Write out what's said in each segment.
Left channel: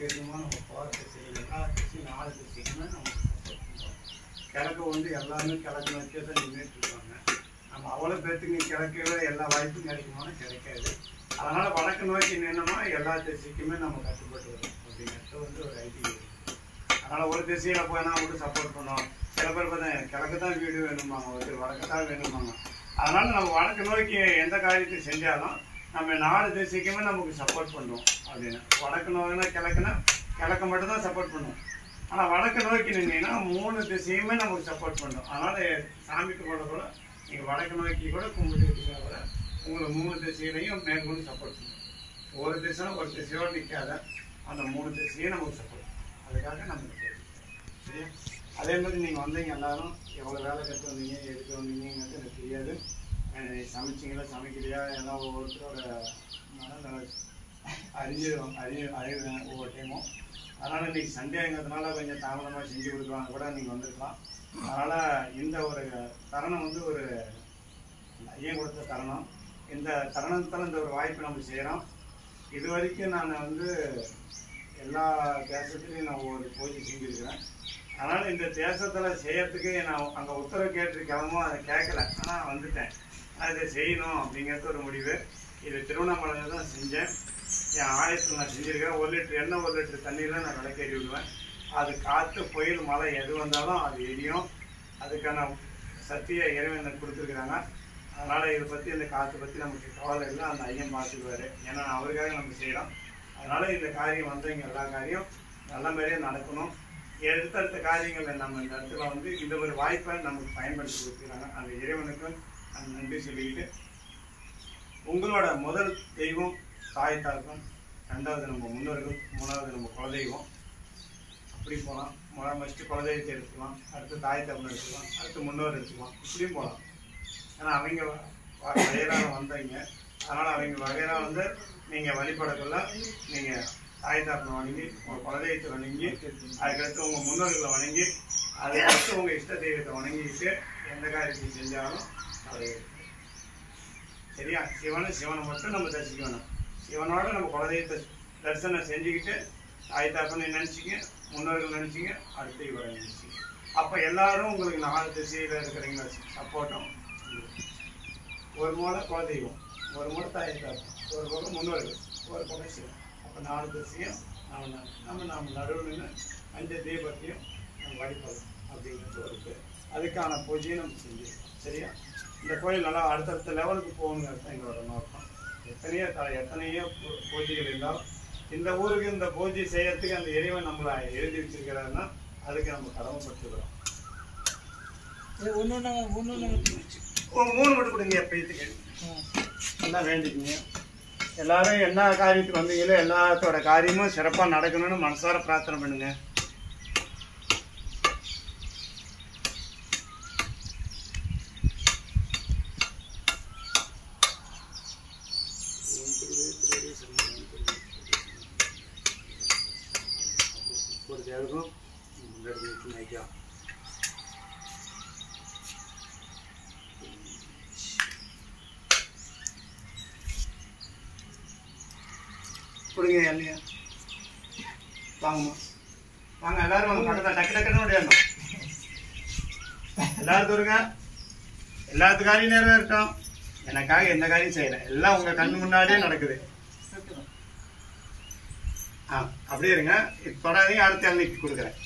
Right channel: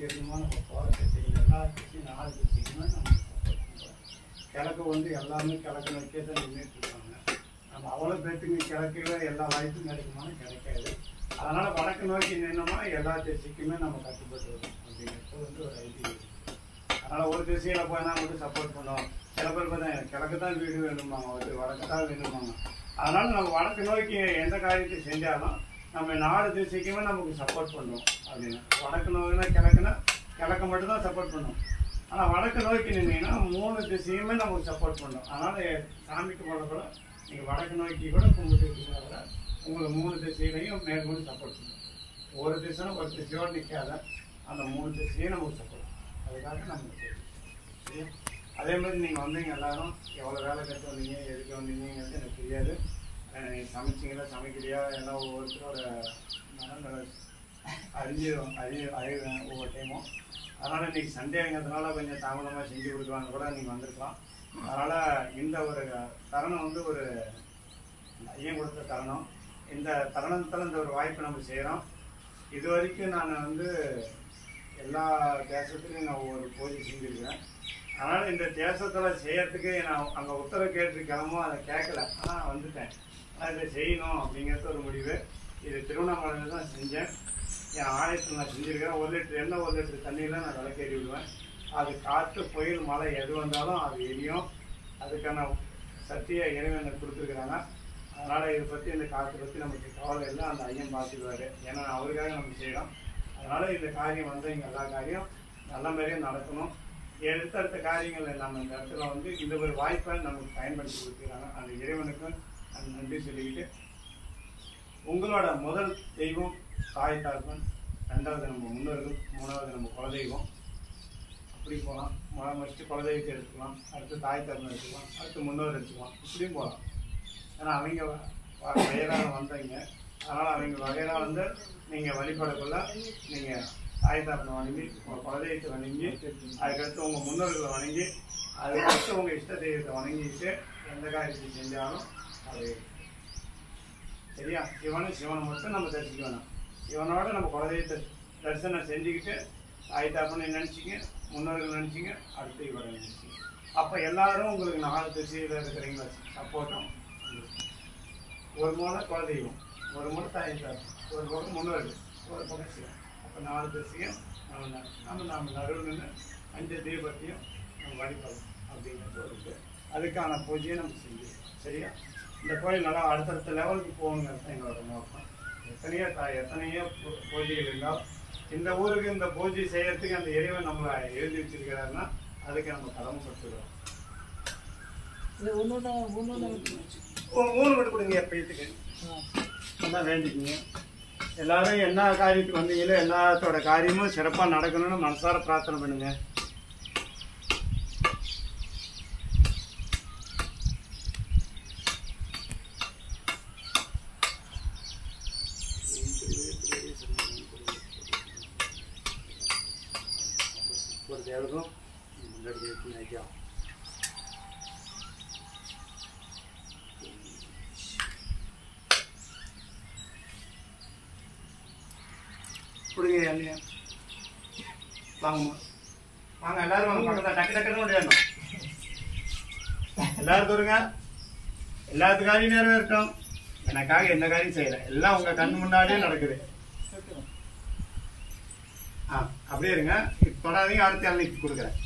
வேணுமோ நம்ம போகிற திசைகள் எல்லா திசையும் 4 திசைக்குமே நம்ம சப்போர்ட் பண்ணுறோம். கிழக்கு வந்து எல்லாமே கிழக்கு நோக்கியே தான் நின்றுட்டுருக்காங்க. நம்ம அவ்வளோ பேர்த்துக்கு கிழக்குல எல்லா வாய்ப்பும் கிடைக்குமானு கிடைக்காது. அதனால் வடக்கு நோக்கி நின்னோம்னா எல்லா திசைக்குமே நம்ம கட்டுப்பட்டு வரும் அப்படிங்கிறது வந்து ஒரு ஐடியா. அதனால் ஒரு திசையில் போனால் மட்டும் சப்போர்ட் பண்ணோம். சில பேர் பார்த்தா கிழக்கு தான் வீடு வேணுமாங்க, வந்து வடக்கு தான் வேணுமாங்க. அதனால் நம்ம வடக்கு நோக்கி எந்த காரியத்தை செஞ்சாலும் நம்ம 4 திசைக்குமே நமக்கு சப்போர்ட் பண்ணுவோம் அப்படின்னு. வடக்கு நோக்கினா கிழக்கு மட்டும் தான் சப்போர்ட் பண்ணுவோம். ஆனால் வடக்கு நோக்கி நின்னீங்கன்னா 3 திசையுமே நமக்கு சப்போர்ட் பண்ணும். அதனால் சாமிக்கு போட கூட நீங்கள் வடக்கு நோக்கி கூட கும்பிட்டு கூட உங்களுக்கு 3 திசையிலையும் மேற்கொண்டு சப்போர்ட் பண்ணும். ஒரு திசைனா ஒரு திசையோடு நிற்காத, அந்த 3 திசையும் நமக்கு சப்போர்ட் பண்ணும். அதுக்காக நமக்கு சரியா. அதே மாதிரி நீங்கள் வந்தீங்க எல்லாரும் எவ்வளோ வேலை கற்று வந்தீங்க, எதுக்கு வந்தீங்கிறது எனக்கு தெரியாது. சமைச்சிங்களா சமைக்கலையா எல்லாம் ஒவ்வொருத்தரோட மனநிலை அறிவேன் ஒவ்வொரு டைமும். அதனால் இன்றைக்கி சண்டேங்கிறதுனால கொஞ்சம் தாமதமாக செஞ்சு கொடுக்கலான்னு கூட நீங்கள் வந்திருக்கலாம். அதனால் இந்த ஒரு தருணம் வந்து ஒரு ஐயன் கொடுத்த தருணம். இந்த தருணத்தில் இந்த ஒரு வாய்ப்பு நம்ம செய்கிறோம். இது வரைக்கும் நான் வந்து எல்லா தேசத்துலையும் நான் ஒவ்வொரு பூஜை செஞ்சுருக்கிறேன். அதனால் இந்த தேசத்தில் செய்யறதுக்கு நான் அங்கே உத்தரவு கேட்டிருக்காமோ அதை கேட்கல, ஆனால் வந்துட்டேன். இதை செய்யணும் அப்படிங்கிறது ஒரு முடிவு. இது திருவண்ணாமலையில் தான் செஞ்சேன். என் ஆலயத்தில் நான் செஞ்சுருக்கிறேன். 1 லிட்டர் எண்ணெய் 1 லிட்டர் தண்ணியில் நான் விளக்கேறி விடுவேன். அது காற்று புயல் மழை எது வந்தாலும் அது எரியும். அதுக்கான சக்தியை இறைவன் கொடுத்துருக்குறாங்க. அதனால் இதை பற்றி இந்த காற்று பற்றி நமக்கு கவலை இல்லை, அந்த ஐயன் பார்த்துக்குவார். ஏன்னா அவருக்காக நம்ம செய்கிறோம். அதனால் இந்த காரியம் வந்து இங்கே எல்லா காரியம் நல்ல மாதிரியே நடக்கணும். அடுத்தடுத்த காரியங்கள் நம்ம இந்த இடத்துல வந்து இந்த ஒரு வாய்ப்பை நமக்கு பயன்படுத்தி கொடுத்துருக்காங்க. அந்த இறைவனுக்கு நன்றி சொல்லிக்கிட்டு, உங்களோட முதல் தெய்வம் தாய் தகப்பன், 2வது நம்ம முன்னோர்கள், 3வது நம்ம குலதெய்வம். அப்படி போகலாம். ஃபஸ்ட்டு குலதெய்வத்தை எடுத்துக்கலாம், அடுத்து தாய் தகப்பன் எடுத்துக்கலாம், அடுத்து முன்னோர் எடுத்துக்கலாம். இப்படியும் போகலாம். ஏன்னா அவங்க வகையராக வந்தீங்க. அதனால் அவங்க வகையராக வந்து நீங்கள் வழிபடக்குள்ள நீங்கள் தாய் தகப்பனை வணங்கி, உங்கள் குலதெய்வத்தை வணங்கி, அதுக்கடுத்து உங்கள் முன்னோர்களை வணங்கி, அதுக்கடுத்து உங்கள் இஷ்ட தெய்வத்தை வணங்கிட்டு எந்த காரியத்தை செஞ்சாலும் அது சரியா. சிவனை மட்டும் நம்ம தரிசிக்க வேணாம். சிவனோட நம்ம குலதெய்வத்தை தரிசனம் செஞ்சுக்கிட்டு தாய் தகப்பனை நினச்சிங்க, முன்னோர்கள் நினச்சிங்க, அடுத்து இவரை நினச்சிங்க. அப்போ எல்லாரும் உங்களுக்கு 4 திசையில் இருக்கிறீங்களா சப்போர்ட்டும். ஒரு மூலை குலதெய்வம், ஒரு மூலை தாய் தகப்பன், ஒரு பக்கம் முன்னோர்கள், ஒரு பக்கம் சிவன். அப்போ 4 திசையும் நம்ம நடுவில் நின்று 5 தீபத்தையும் நம்ம வழிபடலாம் அப்படிங்கிறது இருக்குது. அதுக்கான பூஜையை நம்ம செஞ்சுருக்கோம். சரியா. இந்த கோயில் நல்லா அடுத்தடுத்த லெவலுக்கு போகணுங்கிறது தான் எங்களோட நோக்கம். எத்தனையோ பூஜைகள் இருந்தாலும் இந்த ஊருக்கு இந்த பூஜை செய்யறதுக்கு அந்த இறைவன் நம்மளை எழுதி வச்சிருக்கிறாருன்னா அதுக்கு நம்ம கடமைப்பட்டுக்கிறோம். 3 மட்டும் கொடுங்க எப்பயத்துக்கு நல்லா வேண்டிக்குங்க. எல்லாரும் என்ன காரியத்துக்கு வந்தீங்களோ எல்லாத்தோட காரியமும் சிறப்பாக நடக்கணும்னு மனசார பிரார்த்தனை பண்ணுங்க. கொடுங்க இல்லையா. வாங்கம்மா வாங்க, எல்லாரும் வாங்க. பக்கத்தில் டக்கு டக்குன்னு முடியணும். எல்லாரும் தருங்க. எல்லாத்து காரியம் நேரம் இருக்கட்டும். எனக்காக எந்த காரியம் செய்யலை, எல்லாம் உங்க கண் முன்னாடியே நடக்குது. அப்படியே இருங்க, தொடாதீங்க. அடுத்த இளநீக்கு கொடுக்குறேன்.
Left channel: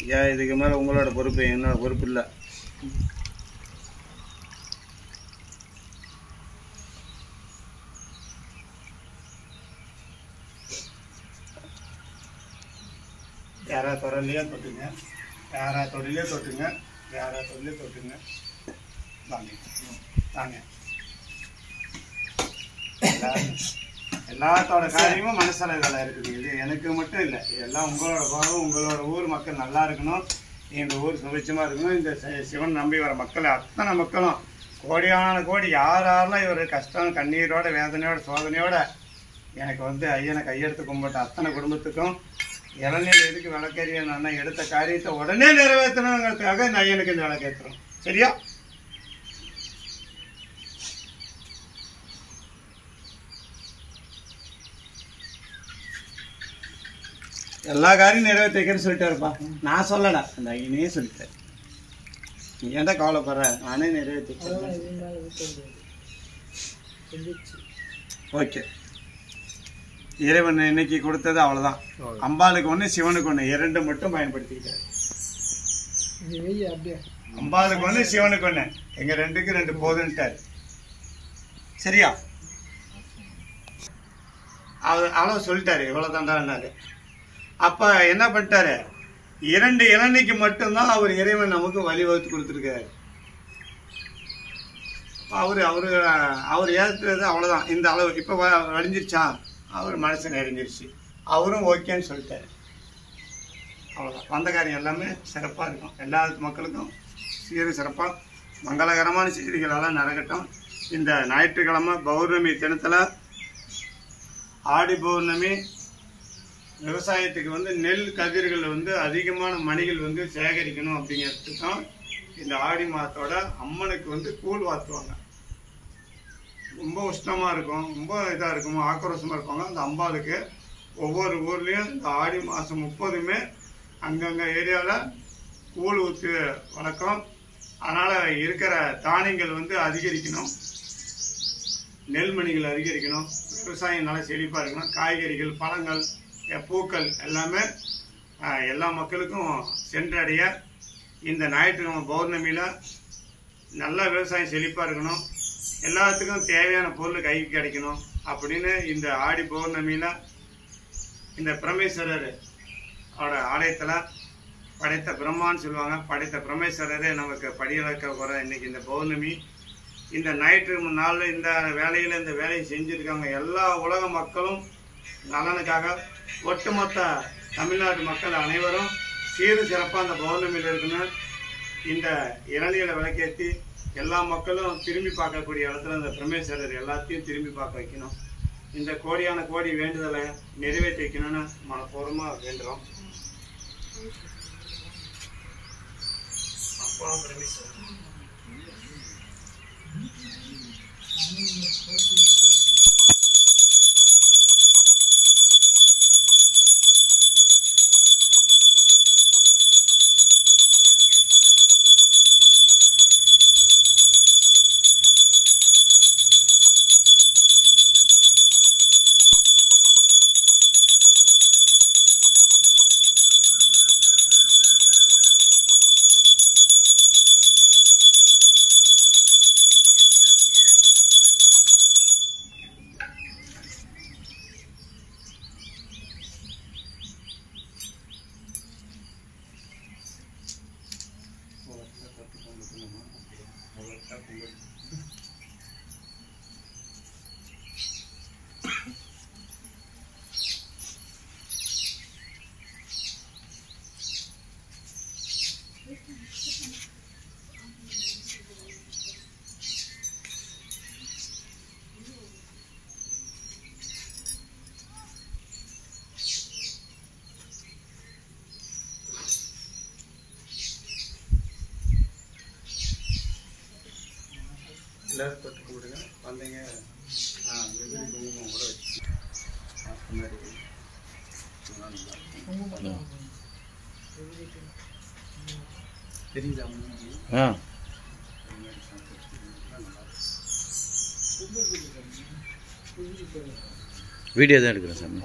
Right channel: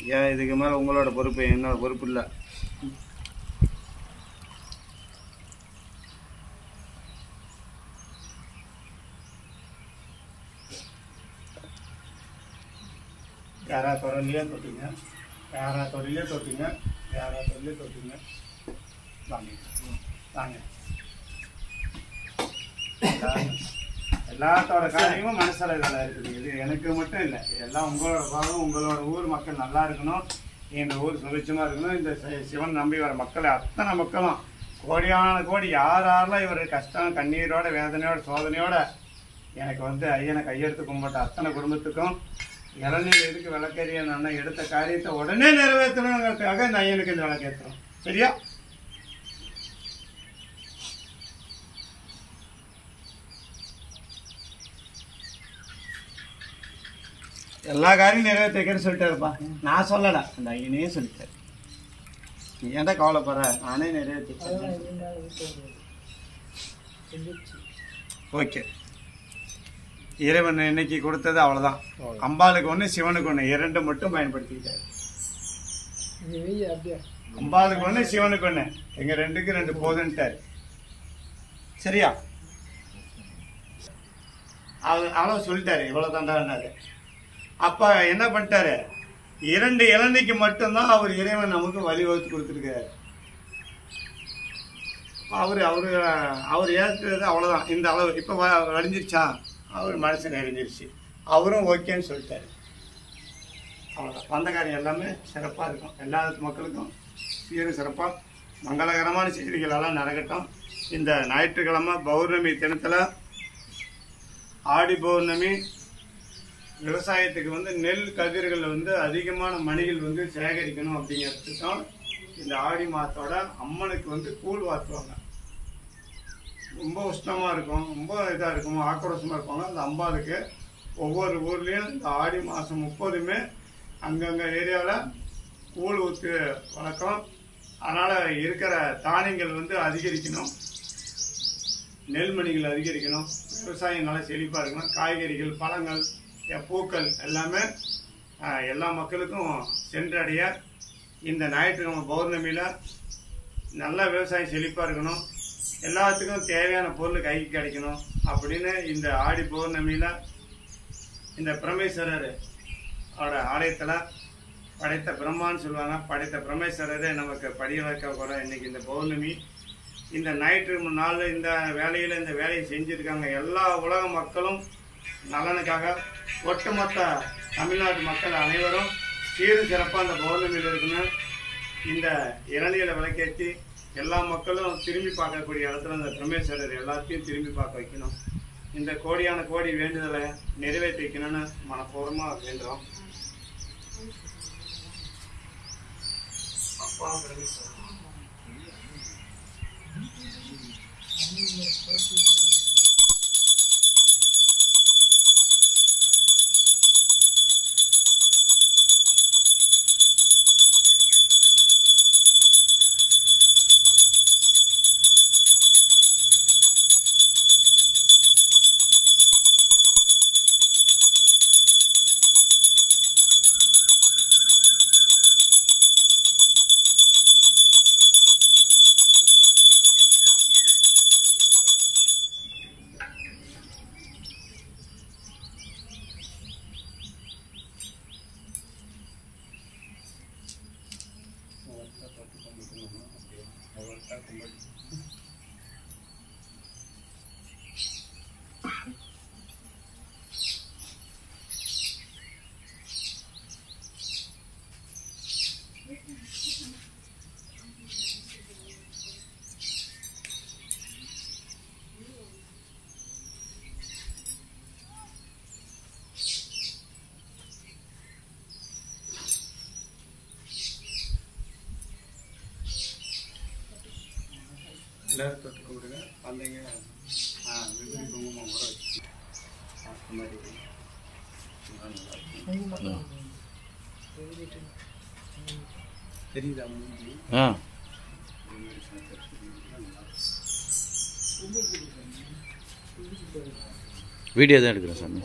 ஐயா, இதுக்கு மேல உங்களோட பொறுப்பு, என்னோட பொறுப்பு இல்லை. யாரா தொழிலையோ தொட்டுங்க, யாரா தொழிலே தொட்டுங்க, யாரா தொழிலே தொட்டுங்க. வாங்க வாங்க. எல்லாத்தோட காரியமும் மனசளவில் இருக்குது. இது எனக்கு மட்டும் இல்லை, எல்லாம் உங்களோட பாவம். உங்களோட ஊர் மக்கள் நல்லா இருக்கணும், இந்த ஊர் சுபிட்சமாக இருக்கணும். இந்த சிவன் நம்பி வர மக்கள் அத்தனை மக்களும் கோடியான கோடி யாரெல்லாம் இவர் கஷ்டம் கண்ணீரோட வேதனையோட சோதனையோட எனக்கு வந்து ஐயனை கையெடுத்து கும்பிட்ட அத்தனை குடும்பத்துக்கும் இளநீர் எதுக்கு விளக்கேறிய நான் எடுத்த காரியத்தை உடனே நிறைவேற்றணுங்கிறதுக்காக இந்த ஐயனுக்கு இந்த விளக்கேற்றுறோம். சரியா. எல்லா காரியம் நிறைவேற்றிக்கிறேன்னு சொல்லிட்டாருப்பா. நான் சொல்லடா, அந்த ஐயனே சொல்லிட்டாரு. நீ ஏன்டா கவலைப்படுற, நானே நிறைவேற்றிக்கிறேன். ஓகே, இறைவன் இன்னைக்கு கொடுத்தது அவ்வளோதான். அம்பாளுக்கு ஒன்று, சிவனுக்கு ஒன்று, 2 மட்டும் பயன்படுத்திக்கிட்டாரு. அம்பாளுக்கு ஒன்று, சிவனுக்கு ஒன்று, எங்க 2க்கு 2 போதுன்ட்டாரு. சரியா? அவ்வளோ சொல்லிட்டாரு, இவ்வளோ தாண்டாரு. அப்ப என்ன பண்ணிட்டாரு, 2 இளநிக்கு மட்டும்தான் அவர் இறைவன் நமக்கு வழிவகுத்து கொடுத்துருக்காரு. அவர் ஏற்றது அவ்வளோதான். இந்த அளவு இப்போ வழிஞ்சிருச்சா, அவர் மனசு நிறைஞ்சிருச்சு, அவரும் ஓகேன்னு சொல்லிட்டாரு. அவ்வளோதான். வந்த காரியம் எல்லாமே சிறப்பாக இருக்கும். எல்லா மக்களுக்கும் சிறப்பாக மங்களகரமான செய்திகளெல்லாம் நடக்கட்டும். இந்த ஞாயிற்றுக்கிழமை பௌர்ணமி தினத்தில், ஆடி பௌர்ணமி, விவசாயத்துக்கு நெல் கதிர்கள் அதிகமான மணிகள் சேகரிக்கணும் அப்படிங்கிறதுக்கும் இந்த ஆடி மாதத்தோட அம்மனுக்கு கூழ் வாத்துவாங்க. ரொம்ப உஷ்ணமாக இருக்கும், ரொம்ப இதாக இருக்கும், ஆக்ரோஷமாக இருப்பாங்க. அந்த அம்பாளுக்கு ஒவ்வொரு ஊர்லேயும் இந்த ஆடி மாதம் 30மே அங்கங்கே ஏரியாவில் கூழ் ஊற்று வழக்கம். அதனால் இருக்கிற தானியங்கள் அதிகரிக்கணும், நெல்மணிகள் அதிகரிக்கணும், விவசாயம் நல்லா செழிப்பாக இருக்கணும், காய்கறிகள், பழங்கள், பூக்கள் எல்லாமே எல்லா மக்களுக்கும் சென்றடைய இந்த ஞாயிற்றுக்கிழமை பௌர்ணமியில் நல்லா விவசாயம் செழிப்பாக இருக்கணும், எல்லாத்துக்கும் தேவையான பொருள் கைக்கு கிடைக்கணும் அப்படின்னு இந்த ஆடி பௌர்ணமியில் இந்த பிரமேஸ்வரர் அவரோட ஆலயத்தில் படைத்த பிரம்மான்னு சொல்லுவாங்க, படைத்த பிரமேஸ்வரரே நமக்கு படியிழக்க போகிற இன்னைக்கு இந்த பௌர்ணமி, இந்த ஞாயிற்று நாள் இந்த வேலையில் இந்த வேலையை செஞ்சுருக்காங்க. எல்லா உலக மக்களும் நலனுக்காக ஒட்டுமொத்த தமிழ்நாட்டு மக்கள் அனைவரும் சீரும் சிறப்பாக அந்த பௌர்ணமியில் இருக்கணும். இந்த இளநிலை விளக்கேற்றி எல்லா மக்களும் திரும்பி பார்க்கக்கூடிய இடத்துல இந்த பிரமேஸ்வரர் எல்லாத்தையும் திரும்பி பார்க்க வைக்கணும். இந்த கோடியான கோடி வேண்டுதலை நிறைவேற்றி வைக்கணும்னு மனப்பூர்வமாக வேண்டுறோம். அப்பா பிரமேஸ்வரர் எல்லாரும் தொட்டு கொடுங்க. வந்தீங்க விபதி குங்குமம் கூட வச்சு தெரியுதா மூஞ்சி? வீடியோ தான் எடுக்கிறேன் சாமி.